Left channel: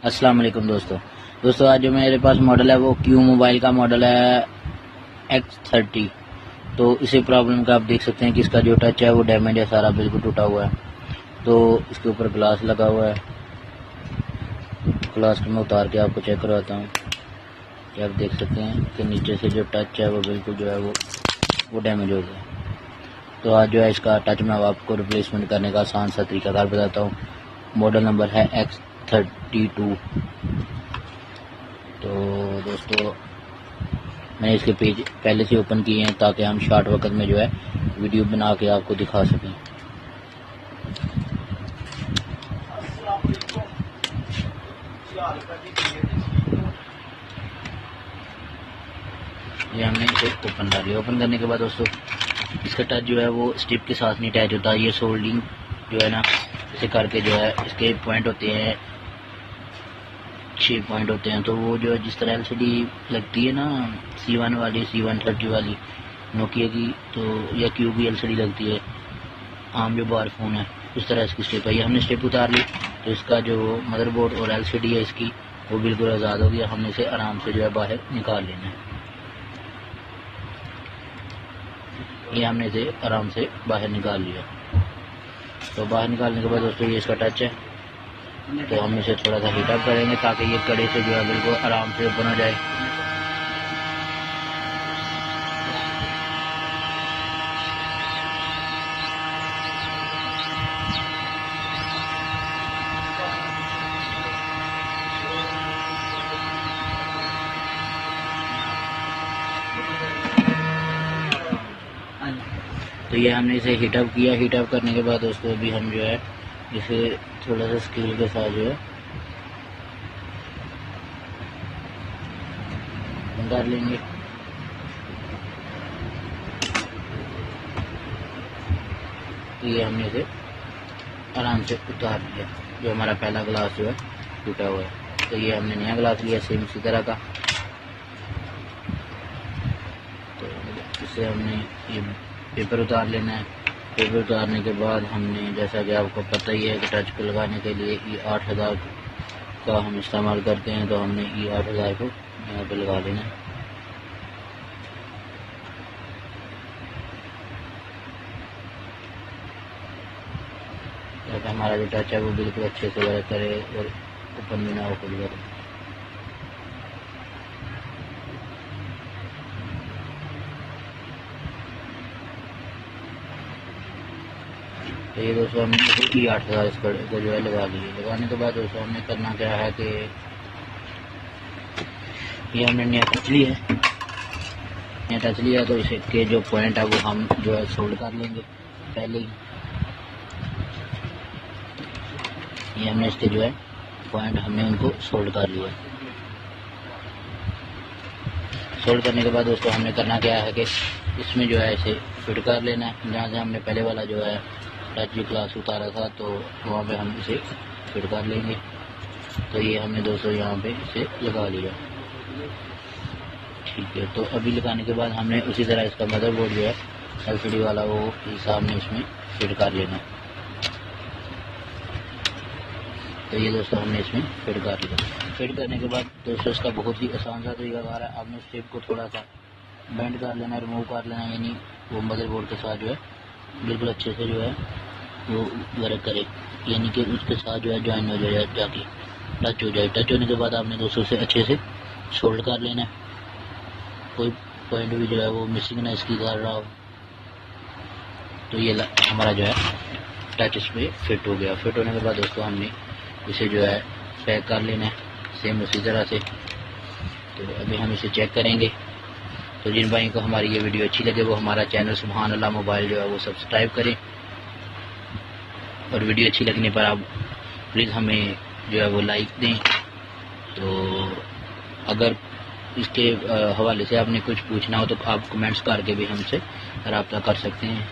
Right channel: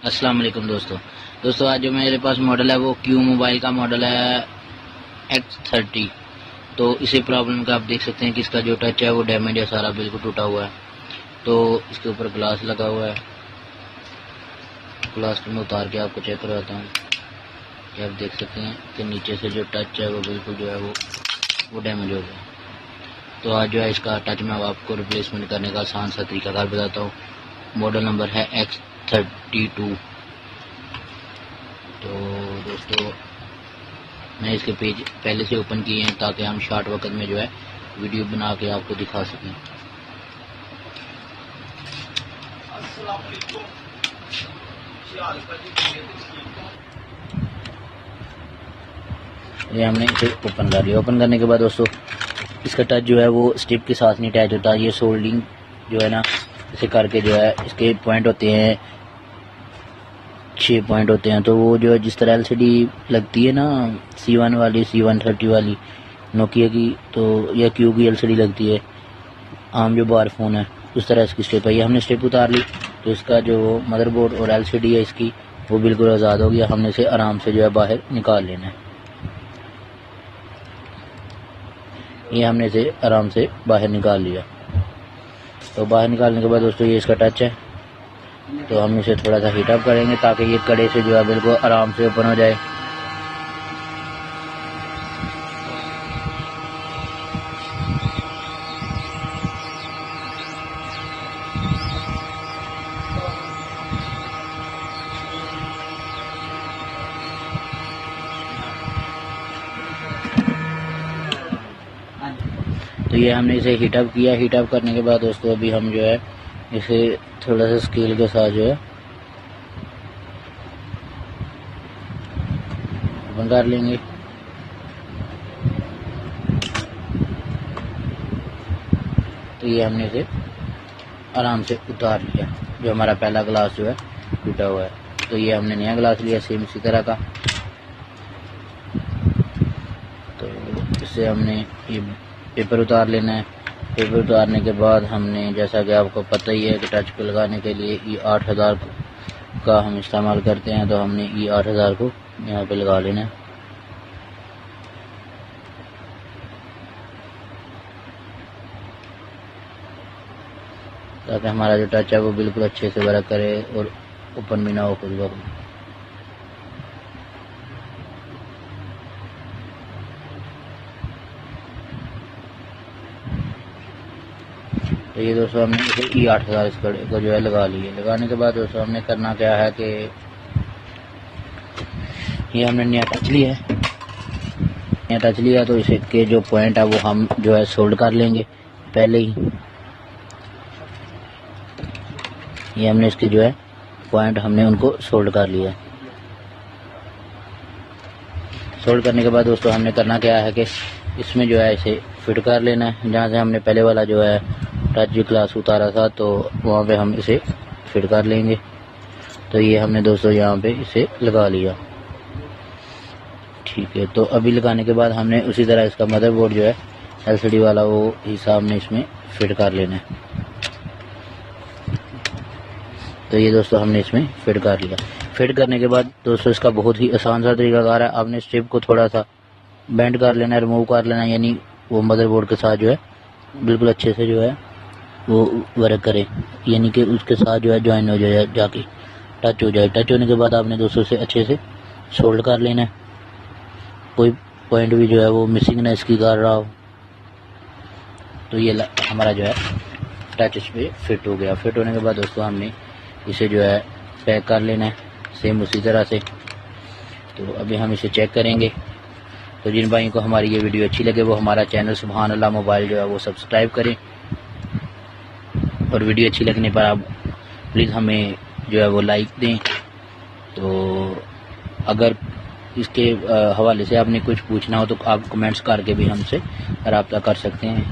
अस्सलाम वालेकुम दोस्तों आज जो मेरे पास मॉडल है वो क्यू मोबाइल का मॉडल है X30। तो इसी प्रॉब्लम का आप देख सकते हैं कि इसका जो टच है वो डैमेज है, सारा बिल्कुल टूटा हुआ है। तो इसके ऊपर ग्लास लगा हुआ है, ग्लास में उतार के आपको चेक करवाता हूँ कि आप देख सकते हैं कि नीचे से जो टच है वो बिल्कुल जो है वो डैमेज हो गया। तो आज जो है इसका टच मैं आपको रिप्लेसमेंट करने का आसान सा तरीकाकार बताता हूँ। मॉडल नंबर है X32। तो दोस्तों मैंने इसके पेज पहले से ओपन किए हैं ताकि हम शॉर्ट वक्त में जो है वीडियो बना के आपको दिखा सकें। ये हमने इसे ओपन कर लिया। ओपन करने के बाद दोस्तों इसका टच जो है वो स्टिप के साथ नहीं टच होता। ये सोल्डिंग जो है ना, इसे करके जो है इसके पॉइंट होते हैं, 6 पॉइंट होते हैं। तो वो जो जिस तरह LCD लगती है ना, C1 वाली, C130 वाली नोकिया की, तो या क्यू की LCD लगती है, आम जो बार फ़ोन है, उस तरह इसकी स्टेप है। ये हमने स्टेप उतार ली तो इसका जो मदरबोर्ड और LCD है इसकी वो बिल्कुल आज़ाद हो गया। हमने इसे आराम से जो है बाहर निकाल लेना है। ये हमने इसे आराम से बाहर निकाल लिया। तो बाहर निकालने के बाद दोस्तों ये इसका टच है, तो हम इसे थोड़ा सा हीटअप करेंगे ताकि ये कड़े से जो है बिल्कुल आराम से ओपन हो जाए। तो ये हमने इसे हीटअप किया। हीटअप करने के बाद दोस्तों अभी हम जो है इसे थोड़ा सा स्केल के साथ जो है बंद कर लेंगे। तो ये हमने इसे आराम से उतार लिया। जो हमारा पहला ग्लास जो है टूटा हुआ है, तो ये हमने नया ग्लास लिया सेम इसी तरह का। तो इससे हमने ये पेपर उतार लेना है। पेपर उतारने के बाद हमने, जैसा कि आपको पता ही है कि टच पे लगाने के लिए E8000 का हम इस्तेमाल करते हैं, तो हमने E8000 को यहाँ पे लगा लेना है। ताकि हमारा जो टच है वो बिल्कुल अच्छे से वर्क करे और ओपन भी ना हो कुछ वक्त। तो ये दोस्तों हमने E8000 को जो है लगा लिए। लगाने के बाद दोस्तों हमने करना क्या है कि ये हमने नया टच लिया तो इसे के जो पॉइंट है वो हम जो है सोल्ड कर लेंगे पहले ही। ये हमने इसके जो है पॉइंट हमने उनको सोल्ड कर लिया। सोल्ड करने के बाद दोस्तों हमने करना क्या है कि इसमें जो है इसे फिट कर लेना है। जहाँ से हमने पहले वाला जो है टच ग्लास उतारा था तो वहाँ पे हम इसे फिट कर लेंगे। तो ये हमने दोस्तों यहाँ पे इसे लगा लिया। ठीक है, तो अभी लगाने के बाद हमने उसी तरह इसका मदरबोर्ड जो है LCD वाला वो हिसाब हमने इसमें फिट कर लेना है। तो ये दोस्तों हमने इसमें फिट कर लिया। फिट करने के बाद दोस्तों इसका बहुत ही आसान सा तरीकाकार है। आपने स्ट्रिप को थोड़ा सा बेंड कर लेना है, रिमूव कर लेना है, यानी वो मदरबोर्ड के साथ जो है बिल्कुल अच्छे से जो है वो वर्क करे, यानी कि उसके साथ जो है ज्वाइन हो जाए, जाके टच हो जाए। टच होने के बाद आपने दोस्तों से अच्छे से सोल्ड कर लेना है। कोई पॉइंट भी जो है वो मिसिंग ना इसकी कर रहा हो। तो ये हमारा जो है टच इस पर फिट हो गया। फिट होने के बाद दोस्तों हमने इसे जो है पैक कर लेना है सेम उसी तरह से। तो अभी हम इसे चेक करेंगे। तो जिन भाइयों को हमारी ये वीडियो अच्छी लगे वो हमारा चैनल सुभान अल्लाह मोबाइल जो है वो सब्सक्राइब करें, और वीडियो अच्छी लगने पर आप प्लीज़ हमें जो है वो लाइक दें। तो अगर इसके हवाले से आपने कुछ पूछना हो तो आप कमेंट्स करके भी हमसे रब्ता कर सकते हैं।